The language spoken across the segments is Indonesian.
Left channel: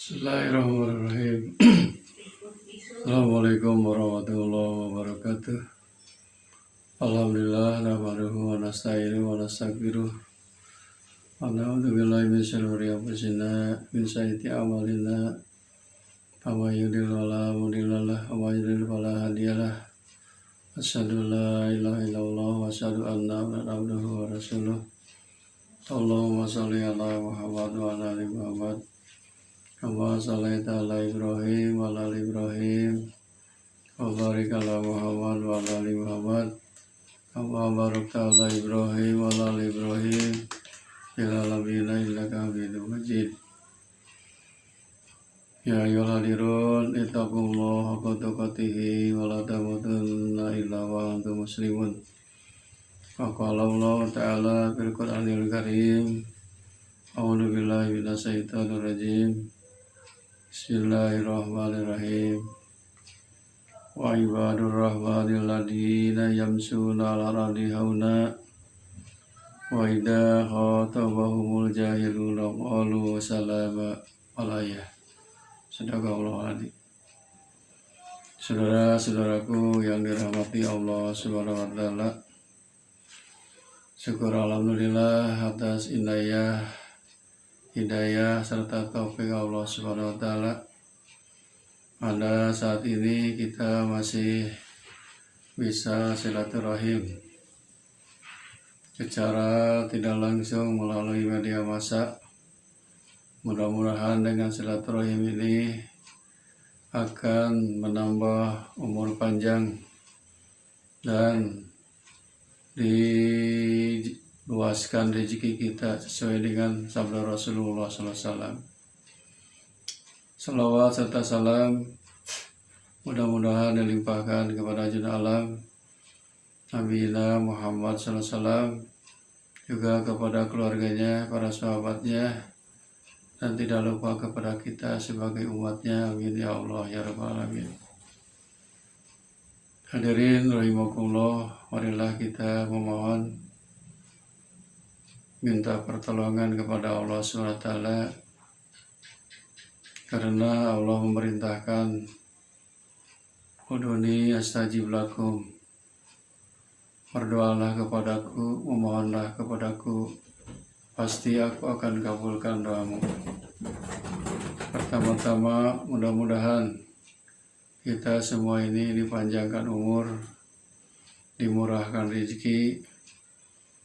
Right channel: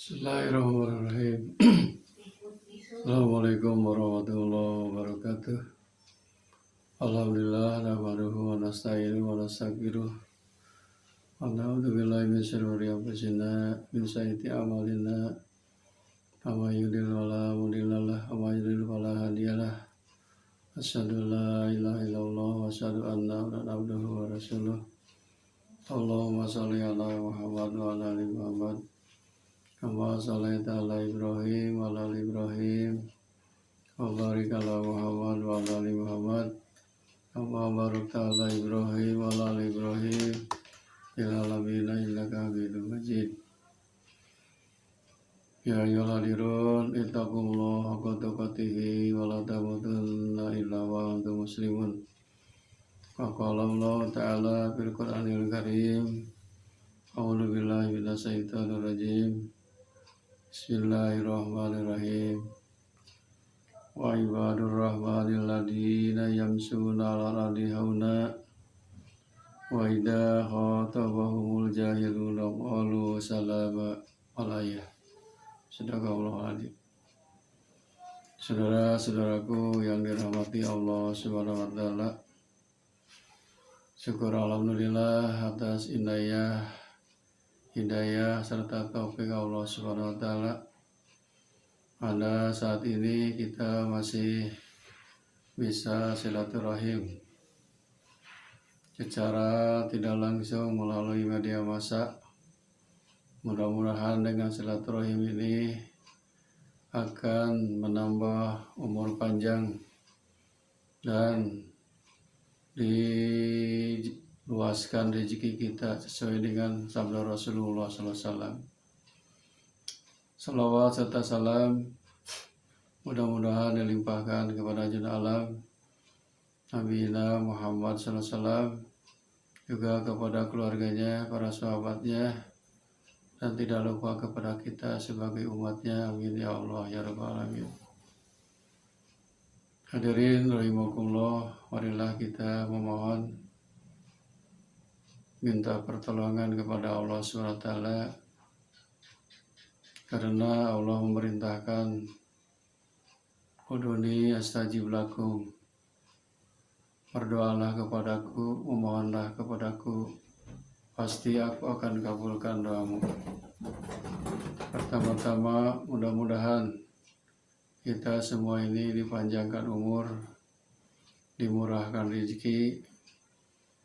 Bismillahirrahmanirrahim. Assalamualaikum warahmatullahi wabarakatuh. Alhamdulillah nahmaduhu wa nasta'inuhu wa nastaghfiruh. Wa na'udzu billahi min syururi anfusina min sayyiati a'malina. May yahdihillahu fala mudilla lahu wa may yudlil fala hadiya lahu. Asyhadu an la ilaha illallah wa asyhadu anna Muhammadan abduhu wa rasuluh. Allahumma shalli ala Muhammad wa ala ali Muhammad. Kama sholaita ala Ibrahim wa ala ali Ibrahim wa barik ala Muhammad wa ala ali Muhammad kama barakta ala Ibrahim wa ala ali Ibrahim fil alamin innaka Hamidum Majid. Ya ayyuhal ittaqullaha haqqa tuqatih wa la tamutunna illa wa antum muslimun. Wa qala Allah ta'ala fil Qur'anil Karim. A'udzu billahi minasy syaithanir rajim. Bismillahirrahmanirrahim. Wa ibadur rahmanil ladina yamshuna 'alal ardi hauna wa idza khatabahumul jahiluna qalu salama alayya. Sadaqallahu adzim. Saudara-saudaraku yang dirahmati Allah Subhanahu wa taala. Syukur alhamdulillah atas hidayah serta taufik Allah Subhanahu wa taala. Pada saat ini kita masih bisa silaturahim secara tidak langsung melalui media massa. Mudah-mudahan dengan silaturahim ini akan menambah umur panjang dan diluaskan rezeki kita sesuai dengan sabda Rasulullah SAW. Salawat serta salam mudah-mudahan dilimpahkan kepada junjungan alam Nabi Muhammad SAW, juga kepada keluarganya, para sahabatnya, dan tidak lupa kepada kita sebagai umatnya. Amin ya Allah ya Rabbal Alamin. Hadirin rahimakumullah, marilah kita memohon minta pertolongan kepada Allah SWT, karena Allah memerintahkan udhuni astajib lakum, berdoalah kepadaku, memohonlah kepadaku, pasti aku akan kabulkan doamu. Pertama-tama mudah-mudahan kita semua ini dipanjangkan umur, dimurahkan rezeki,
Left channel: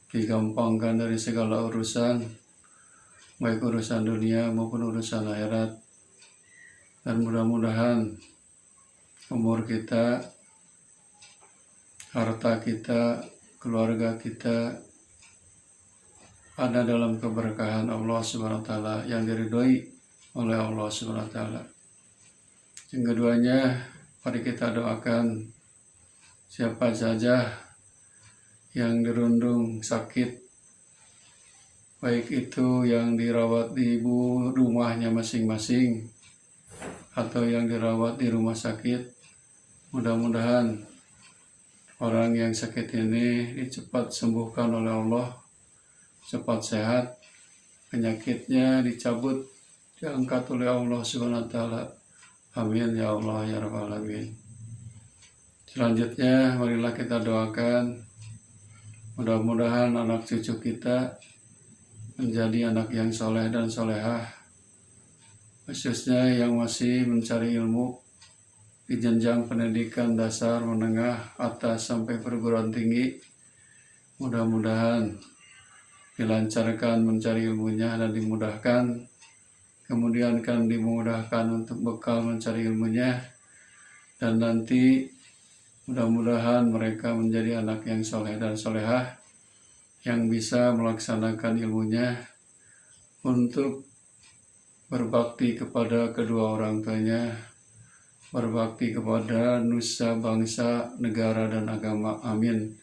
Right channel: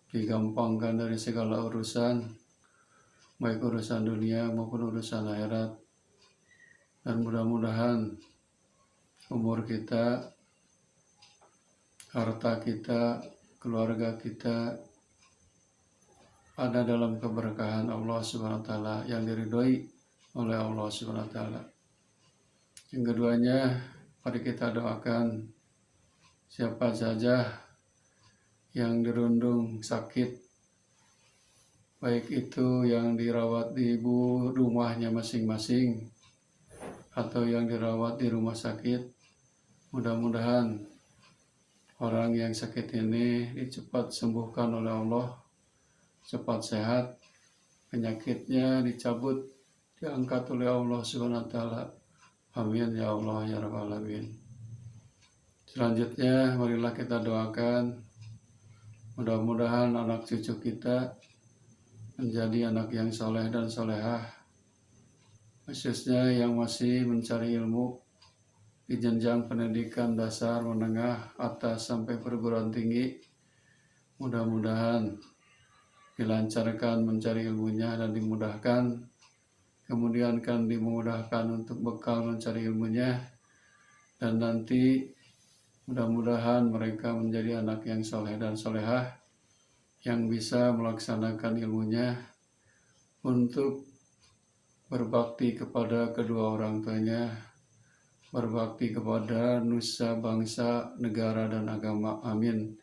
digampangkan dari segala urusan, baik urusan dunia maupun urusan akhirat. Dan mudah-mudahan umur kita, harta kita, keluarga kita ada dalam keberkahan Allah SWT yang diridhoi oleh Allah SWT. Yang keduanya, mari kita doakan siapa saja yang dirundung sakit, baik itu yang dirawat di rumahnya masing-masing atau yang dirawat di rumah sakit. Mudah-mudahan orang yang sakit ini cepat sembuhkan oleh Allah, cepat sehat, penyakitnya dicabut, diangkat oleh Allah SWT. Amin ya Allah ya Rabbal Alamin. Selanjutnya marilah kita doakan mudah-mudahan anak cucu kita menjadi anak yang soleh dan solehah, khususnya yang masih mencari ilmu di jenjang pendidikan dasar, menengah, atas sampai perguruan tinggi. Mudah-mudahan dilancarkan mencari ilmunya dan dimudahkan, kemudian kan dimudahkan untuk bekal mencari ilmunya, dan nanti mudah-mudahan mereka menjadi anak yang soleh dan solehah, yang bisa melaksanakan ilmunya untuk berbakti kepada kedua orang tuanya, berbakti kepada nusa, bangsa, negara, dan agama. Amin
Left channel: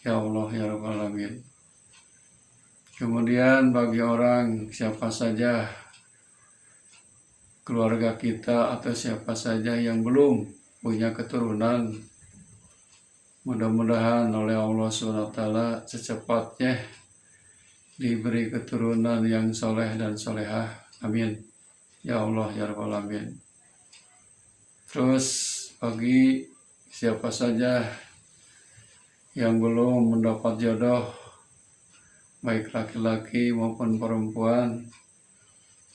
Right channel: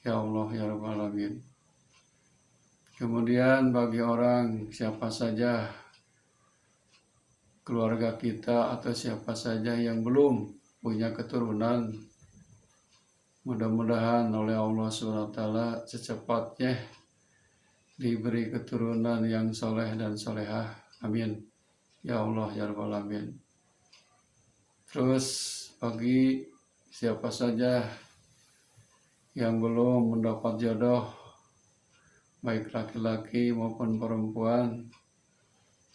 ya Allah ya Rabbal Alamin. Kemudian bagi orang siapa saja, keluarga kita atau siapa saja yang belum punya keturunan, mudah-mudahan oleh Allah SWT secepatnya diberi keturunan yang soleh dan solehah. Amin ya Allah ya Rabbal Alamin. Terus bagi siapa saja yang belum mendapat jodoh, baik laki-laki maupun perempuan,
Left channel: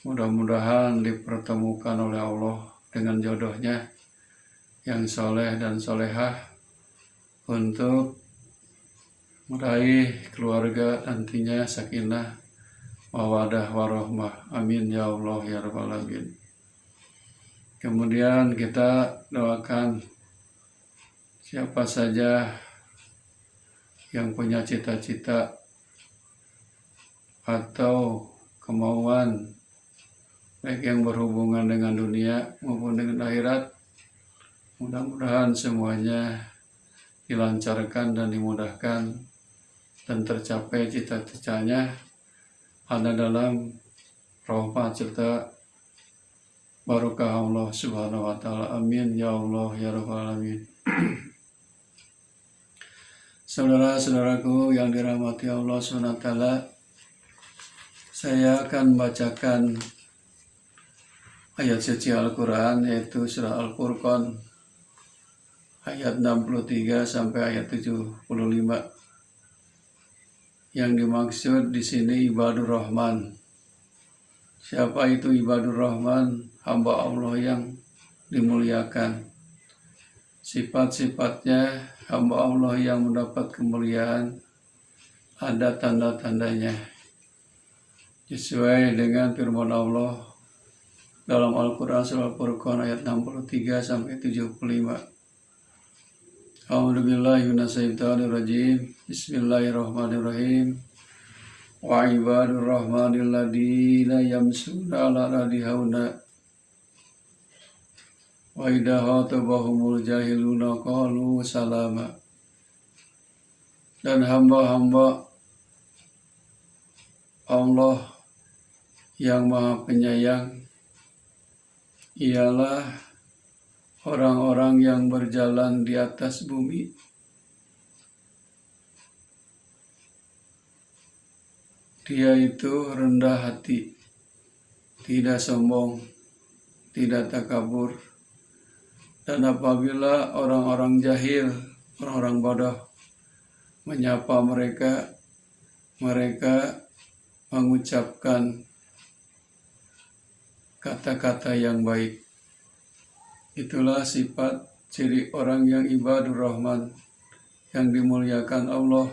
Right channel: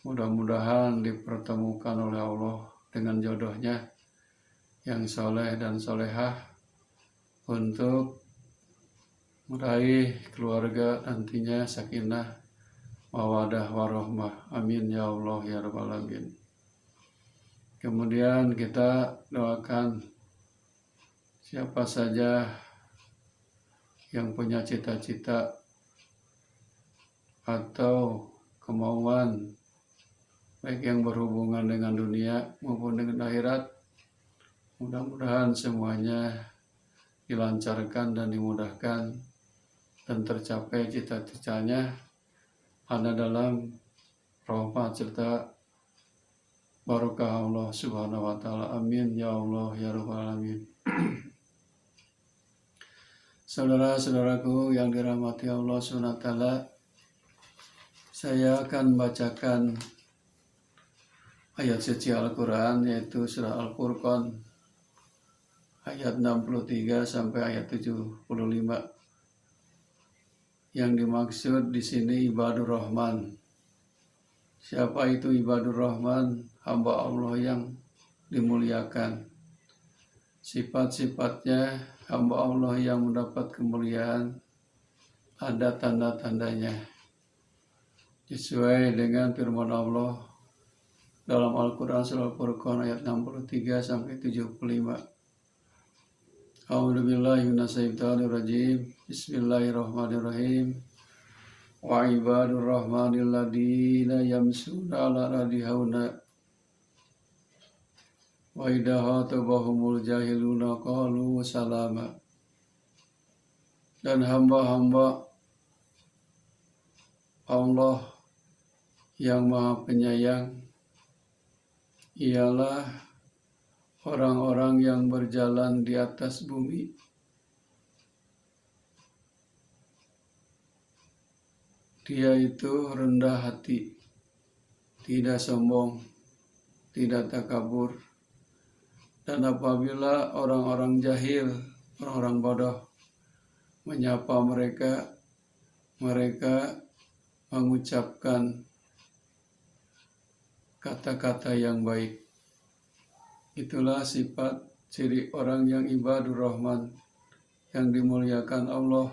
mudah-mudahan dipertemukan oleh Allah dengan jodohnya yang soleh dan solehah untuk meraih keluarga nantinya sakinah mawadah warohmah. Amin ya Allah ya Rabbal Alamin. Kemudian kita doakan siapa saja yang punya cita-cita atau kemauan baik yang berhubungan dengan dunia maupun dengan akhirat, mudah-mudahan semuanya dilancarkan dan dimudahkan dan tercapai cita-citanya ada dalam rahmat serta barokah Allah Subhanahu wa taala. Amin ya Allah ya Rabbal Alamin. Saudara-saudaraku yang dirahmati Allah Subhanahu wa taala, saya akan bacakan ayat suci Al-Quran, yaitu surah Al-Furqan ayat 63 sampai ayat 75. Yang dimaksud di sini ibadur Rahman. Siapa itu ibadur Rahman? Hamba Allah yang dimuliakan. Sifat-sifatnya hamba Allah yang mendapat kemuliaan, ada tanda-tandanya sesuai dengan firman Allah dalam Al-Quran surah Al-Furqan ayat 63 sampai 75. A'udzubillahi minasyaitonir rajim. Bismillahirrahmanirrahim. Wa ibadur rahmanil ladina yamshuna 'alal ardi hauna wa idza khatabahumul jahiluna qalu salama. Dan hamba-hamba Allah yang Maha Penyayang ialah orang-orang yang berjalan di atas bumi dia itu rendah hati, tidak sombong, tidak takabur. Dan apabila orang-orang jahil, orang-orang bodoh menyapa mereka, mereka mengucapkan kata-kata yang baik. Itulah sifat ciri orang yang ibadur Rahman, yang dimuliakan Allah.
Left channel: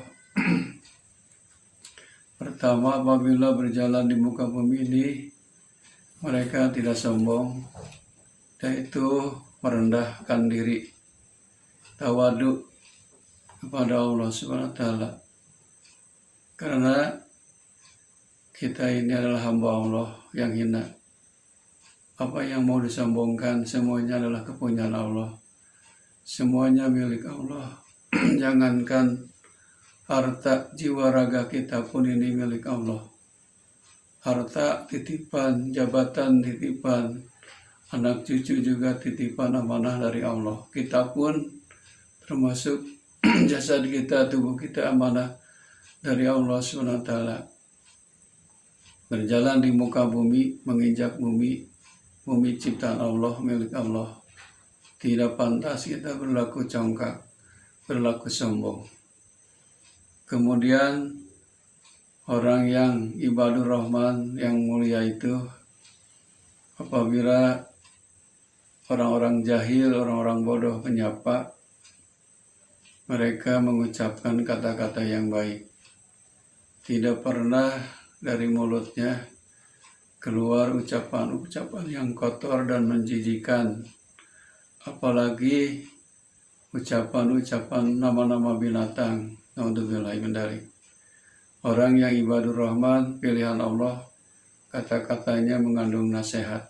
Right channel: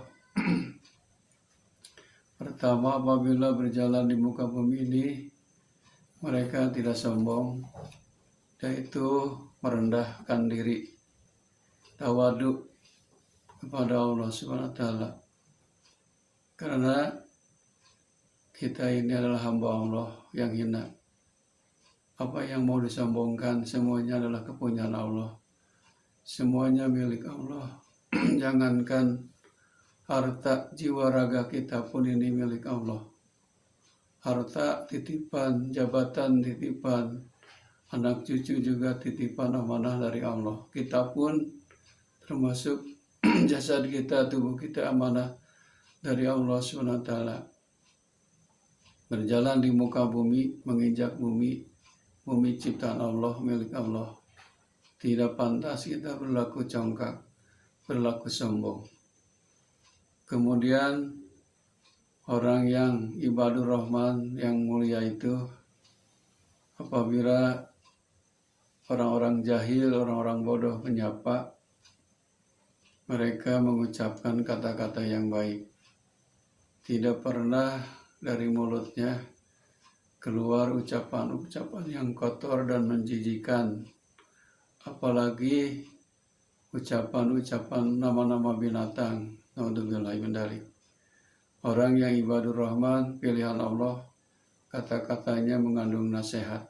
Pertama, apabila berjalan di muka bumi ini, mereka tidak sombong, yaitu merendahkan diri, tawadu kepada Allah Subhanahu wa taala. Karena kita ini adalah hamba Allah yang hina. Apa yang mau disombongkan, semuanya adalah kepunyaan Allah. Semuanya milik Allah. Jangankan harta, jiwa raga kita pun ini milik Allah. Harta titipan, jabatan titipan, anak cucu juga titipan amanah dari Allah. Kita pun termasuk jasad kita, tubuh kita amanah dari Allah SWT. Berjalan di muka bumi, menginjak bumi, bumi ciptaan Allah, milik Allah. Tidak pantas kita berlaku congkak, berlaku sombong. Kemudian orang yang ibadur Rahman yang mulia itu, apabila orang-orang jahil, orang-orang bodoh menyapa, mereka mengucapkan kata-kata yang baik. Tidak pernah dari mulutnya keluar ucapan-ucapan yang kotor dan menjijikan, apalagi ucapan-ucapan nama-nama binatang. Naudzubillahi min dzalik. Orang yang ibadur Rahman, pilihan Allah, kata-katanya mengandung nasihat,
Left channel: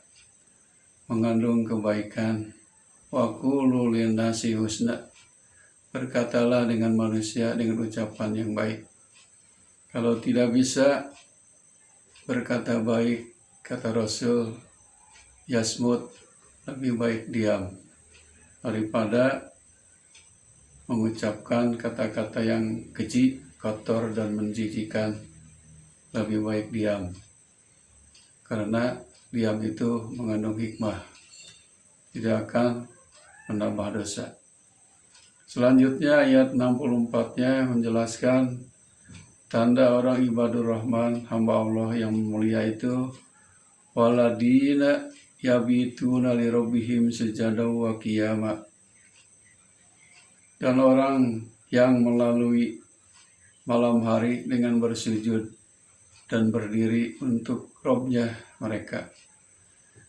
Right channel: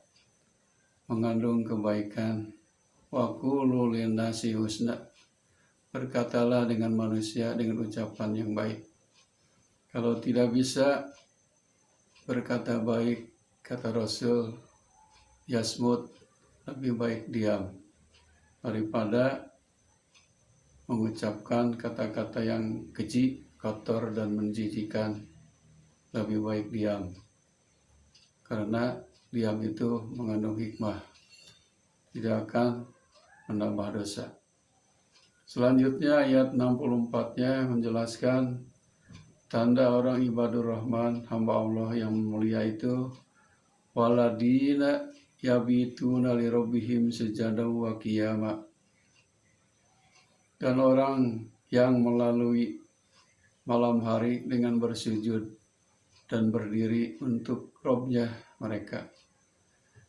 mengandung kebaikan. Wa qulu linnasi husna. Berkatalah dengan manusia dengan ucapan yang baik. Kalau tidak bisa berkata baik, kata Rasul, yasmut, lebih baik diam daripada mengucapkan kata-kata yang keji, kotor dan menjijikan. Lebih baik diam. Karena diam itu mengandung hikmah, tidak akan menambah dosa. Selanjutnya ayat 64-nya menjelaskan tanda orang ibadur rahman, hamba Allah yang mulia itu, waladina yabituna li rabbihim sujada wa qiyama, dan orang yang melalui malam hari dengan bersujud dan berdiri untuk Robnya mereka.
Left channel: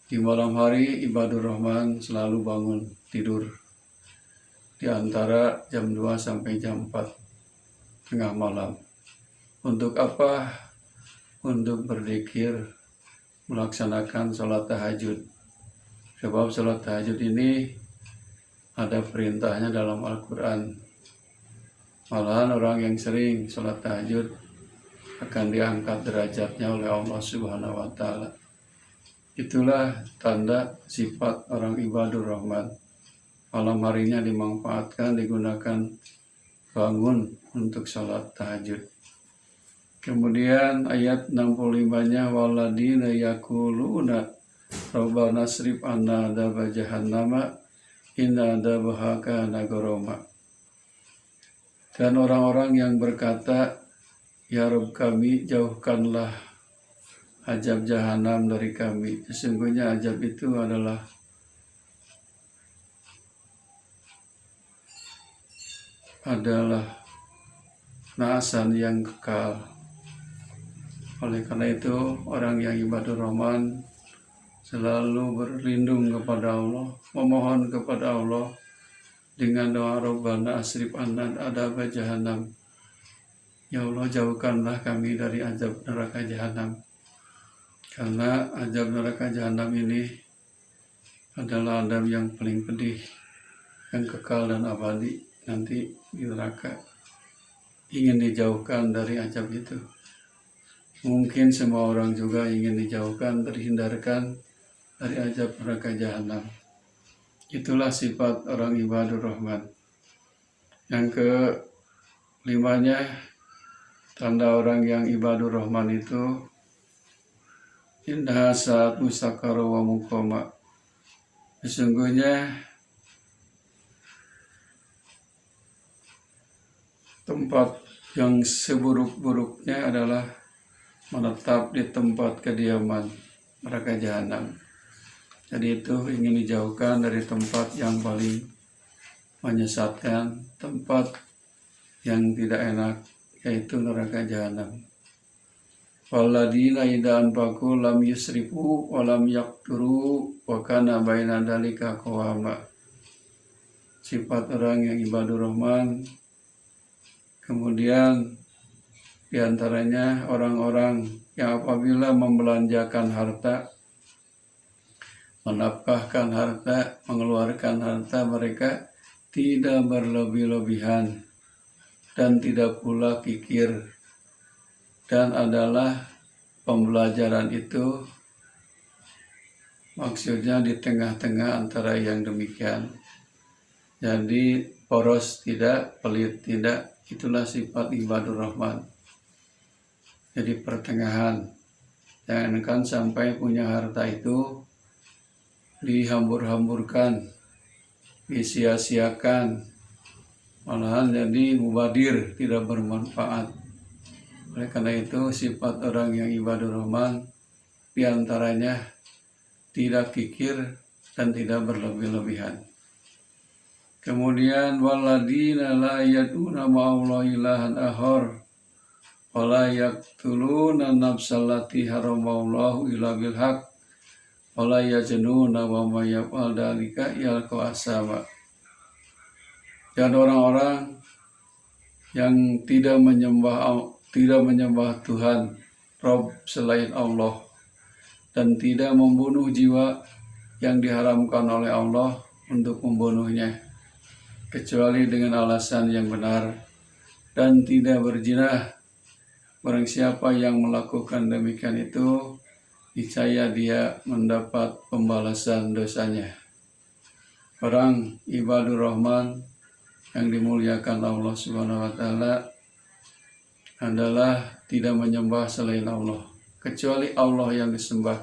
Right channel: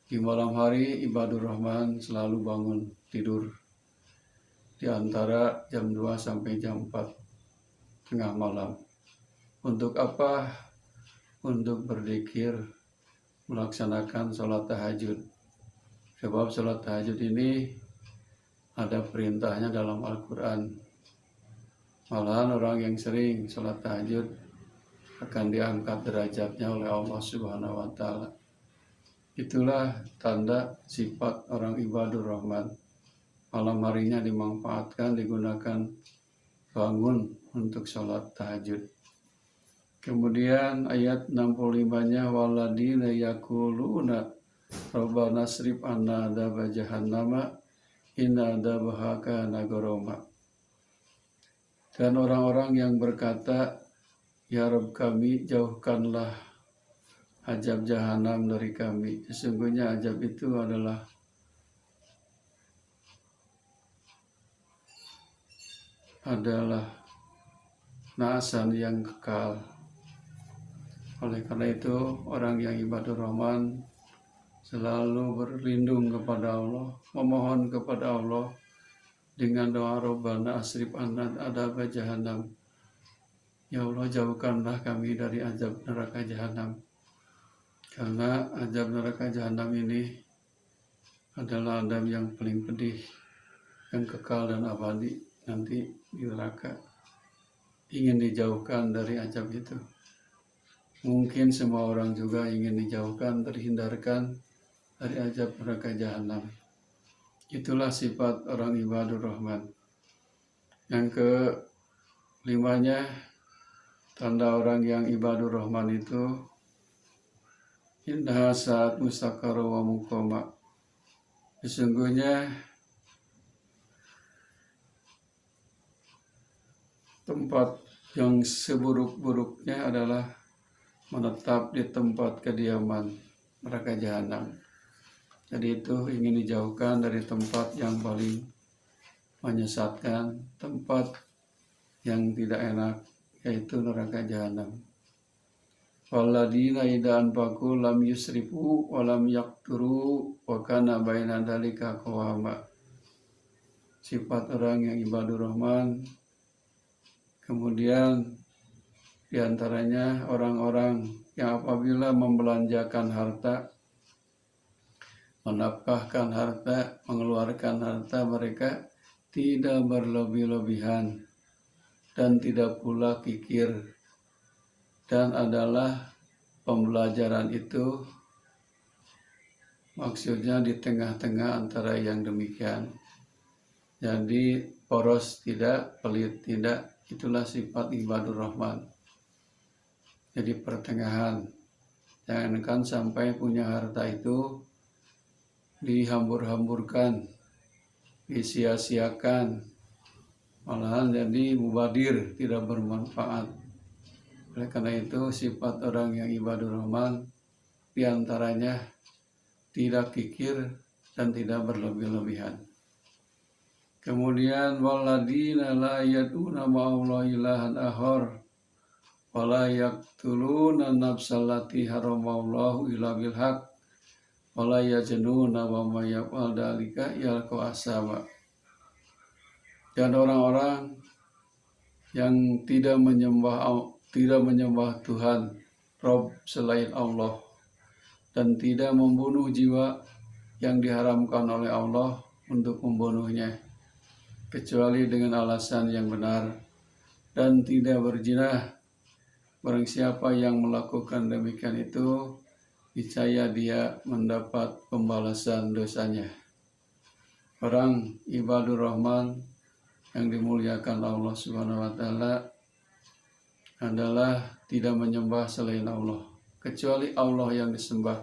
Di malam hari ibadur rahman selalu bangun tidur di antara jam 2 sampai jam 4 tengah malam. Untuk apa? Untuk berzikir, melaksanakan sholat tahajud. Sebab sholat tahajud ini ada perintahnya dalam Al-Quran. Malahan orang yang sering sholat tahajud akan diangkat derajatnya oleh Allah Subhanahu wa Ta'ala. Itulah tanda sifat orang ibadur rahman. Malam harinya dimanfaatkan, digunakan bangun untuk sholat tahajud. Kemudian ayat 65-nya, waladina yakuluna rabbana srif anna adaba jahannama inna adabaha kana gharama. Dan orang-orang yang berkata, ya Rabb kami, jauhkanlah azab jahanam dari kami. Sesungguhnya azab itu adalah naasan yang kekal. Oleh karena itu, orang yang ibadur rahman selalu berlindung kepada Allah, memohon kepada Allah dengan doa Rabbana asrif anna adaba jahannam. Ya Allah, jauhkanlah kami dari azab neraka jahanam. Karena azab neraka jahanam ini adalah azab yang paling pedih, yang kekal dan abadi nanti di neraka. Ingin dijauhkan dari azab itu. Mungkin semua orang juga ingin dijauhkan, terhindarkan dari azab neraka jahanam. Itulah sifat orang ibadur rahman. Yang kelimanya, tanda orang yang ibadur rahman itu, indah saat mustaqara wa muqama. Sesungguhnya tempat yang seburuk-buruknya adalah menetap di tempat kediaman neraka jahanam. Jadi itu ingin dijauhkan dari tempat yang paling menyesatkan, tempat yang tidak enak, yaitu neraka jahanam. Walladina idza anfaqu lam yusrifu wa lam yaqturu wa kana baina dzalika qawama. Sifat orang yang ibadur rahman. Kemudian diantaranya orang-orang yang apabila membelanjakan harta, menafkahkan harta, mengeluarkan harta mereka tidak berlebih-lebihan dan tidak pula kikir. Dan adalah pembelajaran itu maksudnya di tengah-tengah antara yang demikian. Jadi poros tidak, pelit tidak, itulah sifat ibadur rahman. Jadi pertengahan, jangankan sampai punya harta itu dihambur-hamburkan, disia-siakan, malahan jadi mubadir, tidak bermanfaat. Oleh karena itu sifat orang yang ibadur rahman diantaranya tidak kikir dan tidak berlebih-lebihan. Kemudian waladina la yaduna ma'allahi ilahan akhar wa la yaqtuluna nafsallati haramallahu illa bil haqq wa la yaznuna wa may yaf'al dzalika yalqa asama. Dan orang-orang yang tidak menyembah Tuhan Rob selain Allah dan tidak membunuh jiwa yang diharamkan oleh Allah untuk membunuhnya kecuali dengan alasan yang benar, dan tidak berzina. Barang siapa yang melakukan demikian itu, niscaya dia mendapat pembalasan dosanya. Orang ibadur rahman yang dimuliakan Allah Subhanahu wa Ta'ala adalah tidak menyembah selain Allah, kecuali Allah yang disembah.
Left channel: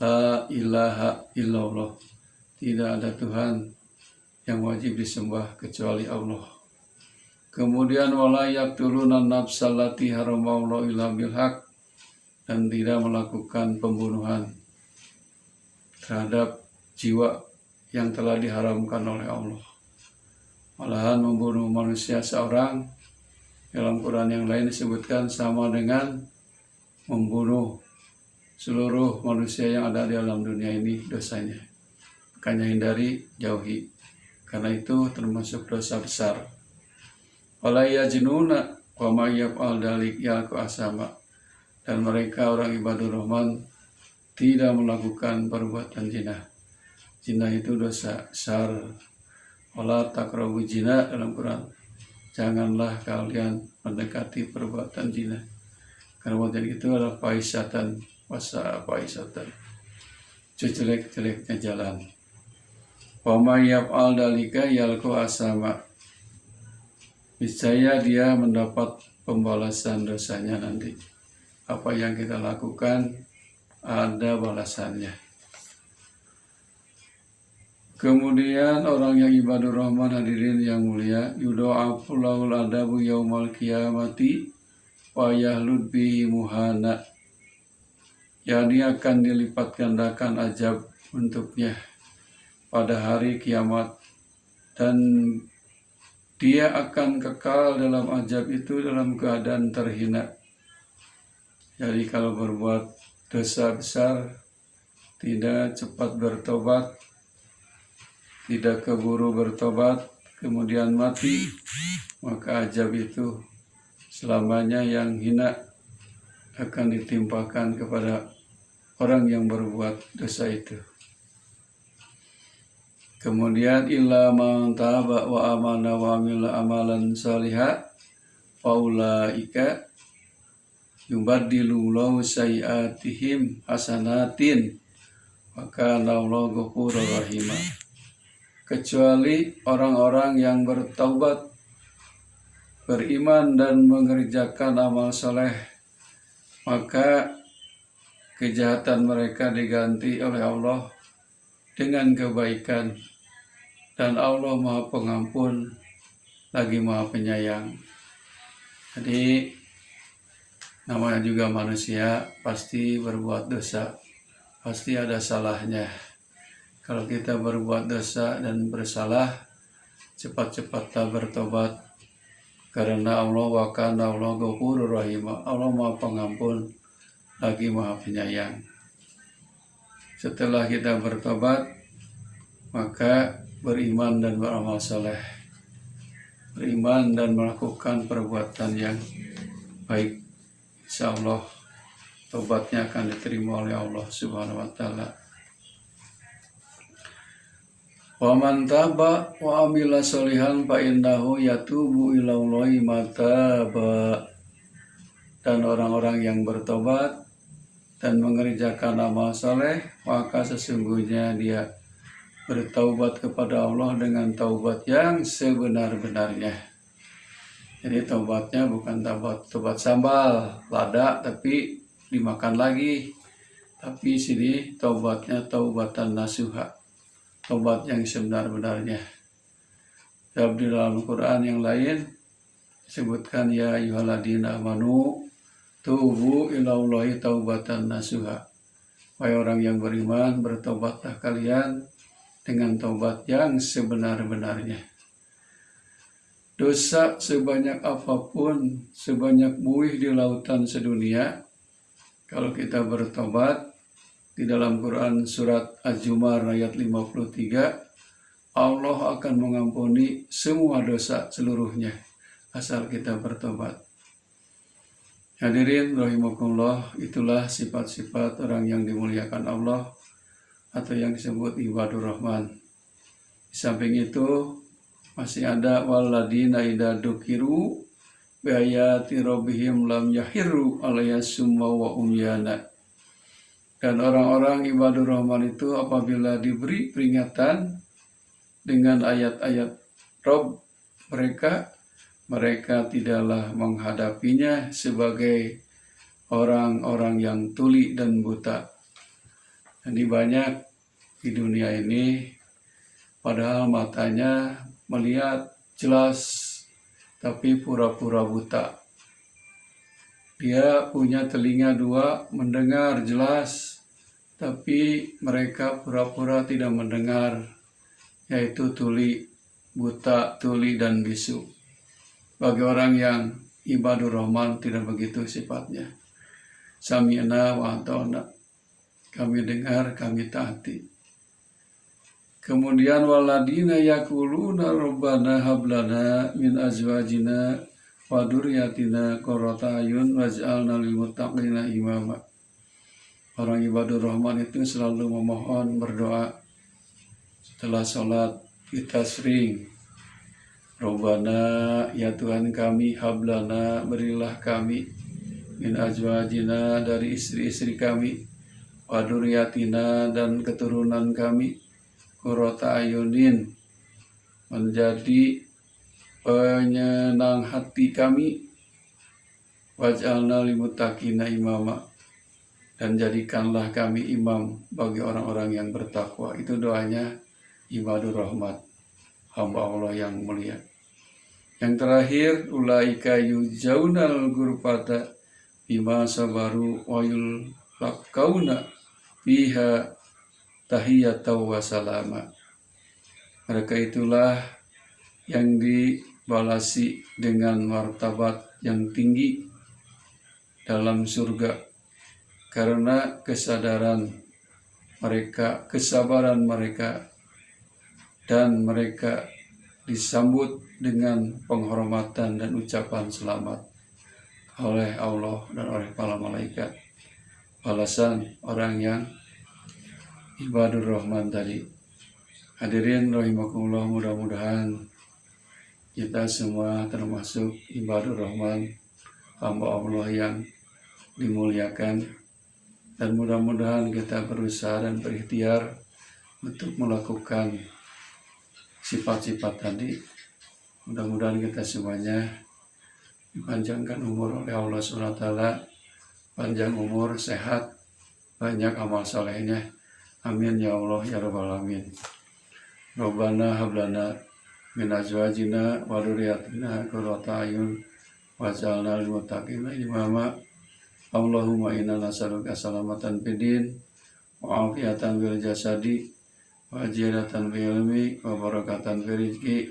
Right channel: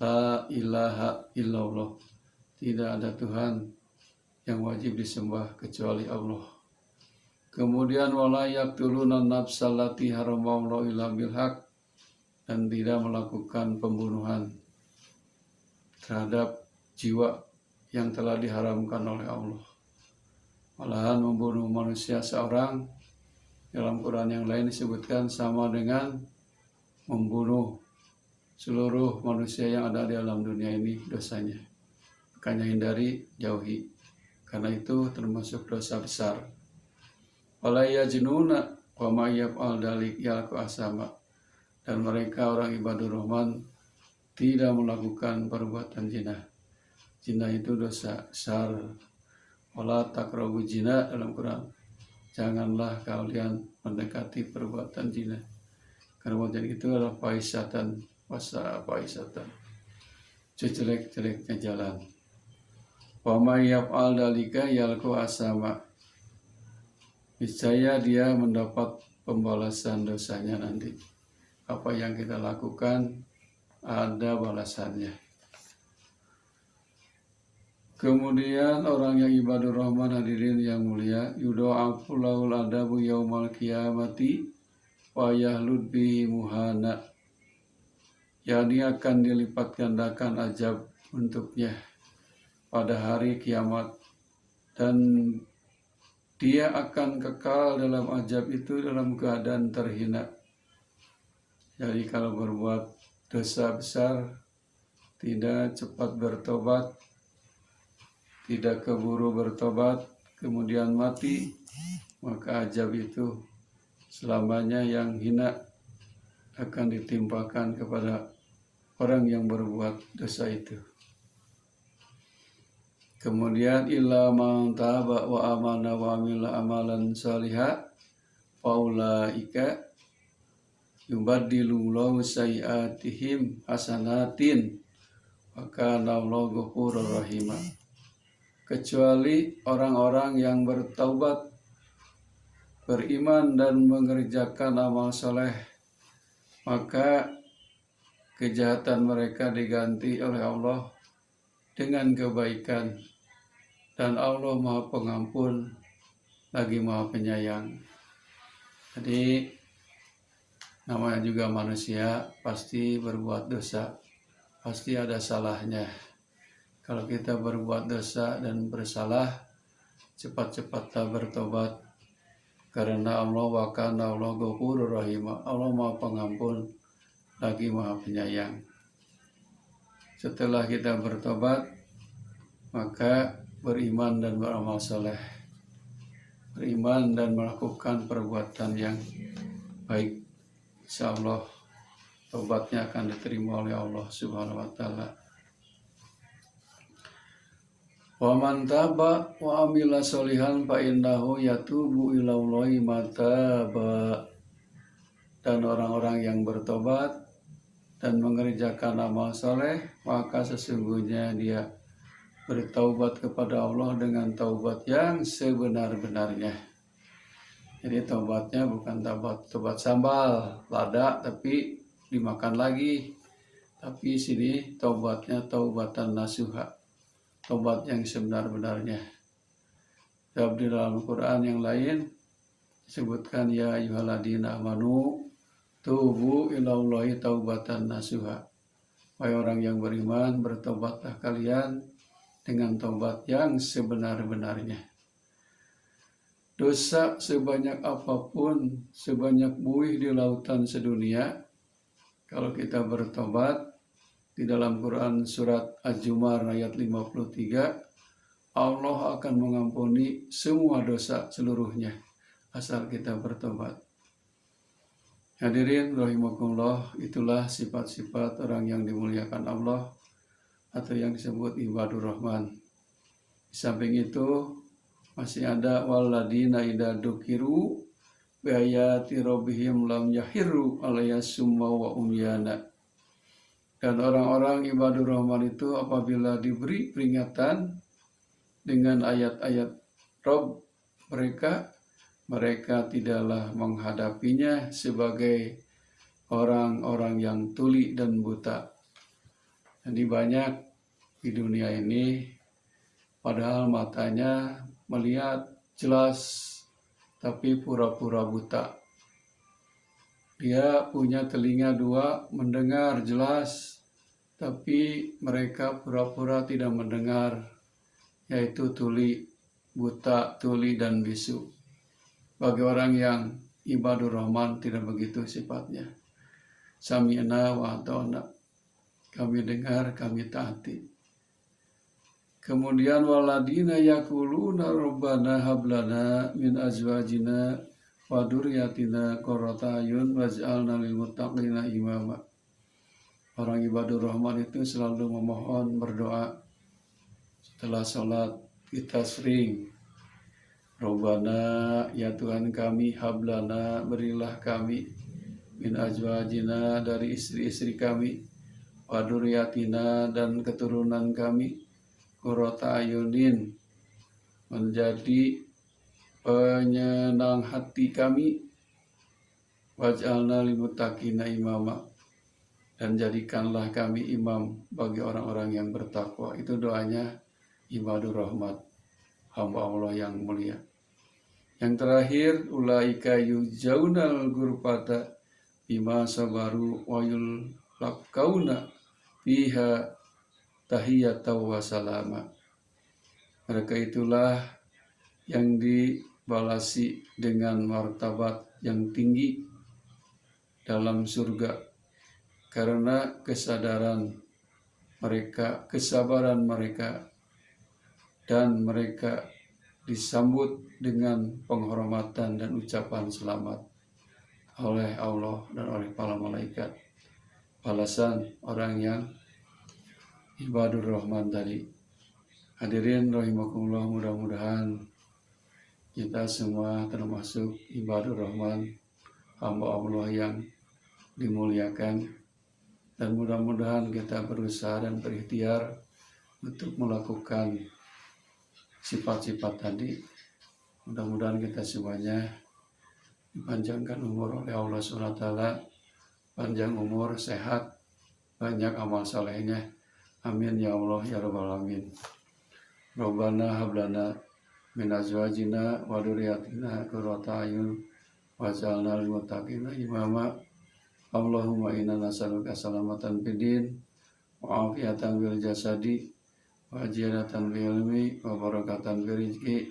La ilaha illallah. Tidak ada Tuhan yang wajib disembah kecuali Allah. Kemudian wala yaqtuluna nafsal lati haramallahu illa bilhaq, dan tidak melakukan pembunuhan terhadap jiwa yang telah diharamkan oleh Allah. Malahan membunuh manusia seorang dalam Quran yang lain disebutkan sama dengan membunuh seluruh manusia yang ada di alam dunia ini dosanya. Makanya hindari, jauhi. Karena itu termasuk dosa besar. Wala yajnuna wa may yaf'al dzalik yalqa asama. Dan mereka orang ibadur rahman tidak melakukan perbuatan zina. Zina itu dosa besar. Wala taqrabu zina dalam Quran. Janganlah kalian mendekati perbuatan zina. Karena perbuatan itu adalah fahisatan, jelek-jeleknya jalan. Wa may yaf'al dzalika yalqa asama. Niscaya dia mendapat pembalasan dosanya nanti. Apa yang kita lakukan ada balasannya. Kemudian orang yang ibadur rahman, hadirin yang mulia, yudha'afu lahul adabu yaumal qiyamati wa yahlud bihi muhana. Yani akan dilipat gandakan azab untuknya pada hari kiamat, dan dia akan kekal dalam azab itu dalam keadaan terhina. Jadi kalau berbuat dosa besar, tidak cepat bertobat, tidak keburu bertobat, kemudian mati, maka azab itu selamanya yang hina akan ditimpakan kepada orang yang berbuat dosa itu. Kemudian illa man taba wa amana wa amila amalan salihah faulaika yubaddilu lahu sayiatihim hasanatin wa kana Allahu ghafurur rahim. Kecuali orang-orang yang bertaubat, beriman dan mengerjakan amal soleh, maka kejahatan mereka diganti oleh Allah dengan kebaikan, dan Allah Maha Pengampun lagi Maha Penyayang. Jadi namanya juga manusia, pasti berbuat dosa, pasti ada salahnya. Kalau kita berbuat dosa dan bersalah, cepat-cepatlah bertobat, karena Allah wa kana Allah ghafurur rahim. Allah Maha Pengampun lagi Maha Penyayang. Setelah kita bertobat, maka beriman dan beramal soleh, beriman dan melakukan perbuatan yang baik, insya Allah tobatnya akan diterima oleh Allah Subhanahu wa Ta'ala. Wa man taba wa amila sholihan fa innahu yatubu ilallahi mataba. Dan orang-orang yang bertobat dan mengerjakan amal soleh, maka sesungguhnya dia bertaubat kepada Allah dengan taubat yang sebenar-benarnya. Jadi taubatnya bukan taubat sambal lada tapi dimakan lagi, tapi sini taubatnya taubatan nasuha, taubat yang sebenar-benarnya. Dalam di dalam Quran yang lain disebutkan ya ayyuhalladzina amanu tubu ilallahi taubatan nasuha. Wahai orang yang beriman, bertobatlah kalian dengan taubat yang sebenar-benarnya. Dosa sebanyak apapun, sebanyak buih di lautan sedunia, kalau kita bertobat, di dalam Quran surat Az-Zumar ayat 53, Allah akan mengampuni semua dosa seluruhnya asal kita bertobat. Hadirin rahimakumullah, itulah sifat-sifat orang yang dimuliakan Allah atau yang disebut ibadur rahman. Di samping itu masih ada waladina idza dukiru bi ayati rabbihim lam yahirru alayha summa wa umyana. Dan orang-orang ibadur rahman itu apabila diberi peringatan dengan ayat-ayat Rabb mereka tidaklah menghadapinya sebagai orang-orang yang tuli dan buta. Jadi banyak di dunia ini padahal matanya melihat jelas tapi pura-pura buta. Dia punya telinga dua mendengar jelas tapi mereka pura-pura tidak mendengar, yaitu tuli, buta, tuli, dan bisu. Bagi orang yang ibadur rahman tidak begitu sifatnya. Sami'na wa ata'na, kami dengar, kami taati. Kemudian waladina yaquluna rabbana hablana min azwajina wa dzurriyyatina qurrata a'yun waj'alna lil muttaqina imama. Orang ibadur rahman itu selalu memohon, berdoa setelah sholat. Kita sering, Rabbana, ya Tuhan kami, hablana, berilah kami, min azwajina, dari istri-istri kami, wa dzurriyyatina, dan keturunan kami, qurrata ayunin, menjadi penyenang hati kami, waj'alna lil muttaqina imama, dan jadikanlah kami imam bagi orang-orang yang bertakwa. Itu doanya ibadur rahmat, hamba Allah yang mulia. Yang terakhir, ulaika yujaunal ghurfata bima sabaru wa yulqauna fiha tahiyatan wa salama. Mereka itulah yang dibalasi dengan martabat yang tinggi dalam surga karena kesadaran mereka, kesabaran mereka, dan mereka disambut dengan penghormatan dan ucapan selamat oleh Allah dan oleh para malaikat. Balasan orang yang ibadur rahman tadi. Hadirin rahimakumullah, mudah-mudahan kita semua termasuk ibadur rahman, hamba Allah yang dimuliakan, dan mudah-mudahan kita berusaha dan berikhtiar untuk melakukan sifat-sifat tadi. Mudah-mudahan kita semuanya dipanjangkan umur oleh Allah SWT, panjang umur, sehat, banyak amal salehnya. Amin ya Allah ya rabbal alamin. Rabbana hablana min azwajina wa dzurriyyatina qurrata a'yun waj'alna lil muttaqina imama. Allahumma inna nas'aluka salamatan fid din wa afiyatan fil jasadi wa ziyadatan fil ilmi wa barakatan fil rizqi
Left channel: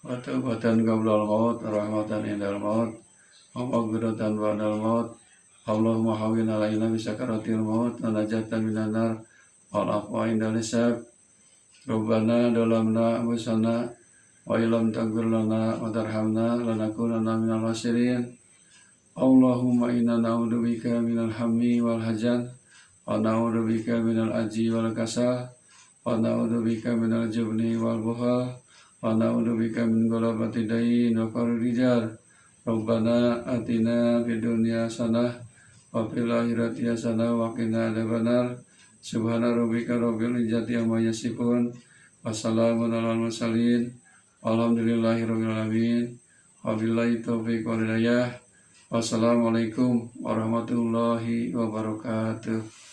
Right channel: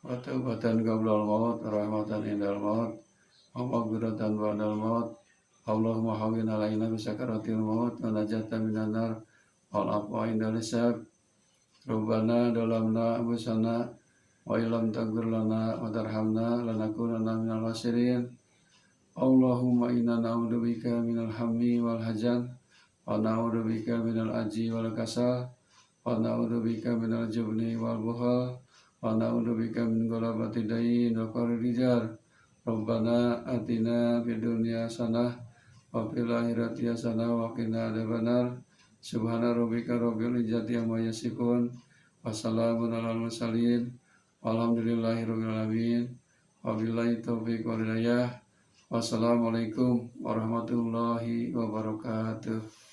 wa taubatan qablal maut rahmatan indal maut wa maghfiratan ba'dal maut. Allahumma hawwin alaina bi sakaratil maut wa najatan minan nar wal afwa indal hisab. Rabbana dalamna anfusana wa illam taghfir lana wa tarhamna lanakunanna minal khasirin. Allahumma inna na'udzubika minal hammi wal hazan wa na'udzubika minal ajzi wal kasal wa na'udzubika minal jubni wal bukhal wa na'udzubika min ghalabati dayn wa qahri rijal. Rabbana atina fid dunya hasanah wa fil akhirati hasanah wa qina adzabannar. Subhana rabbika rabbil izzati amma yasifun wa salamun alal mursalin walhamdulillahi rabbil alamin. Wabillahi taufiq wal hidayah. Wassalamualaikum warahmatullahi wabarakatuh.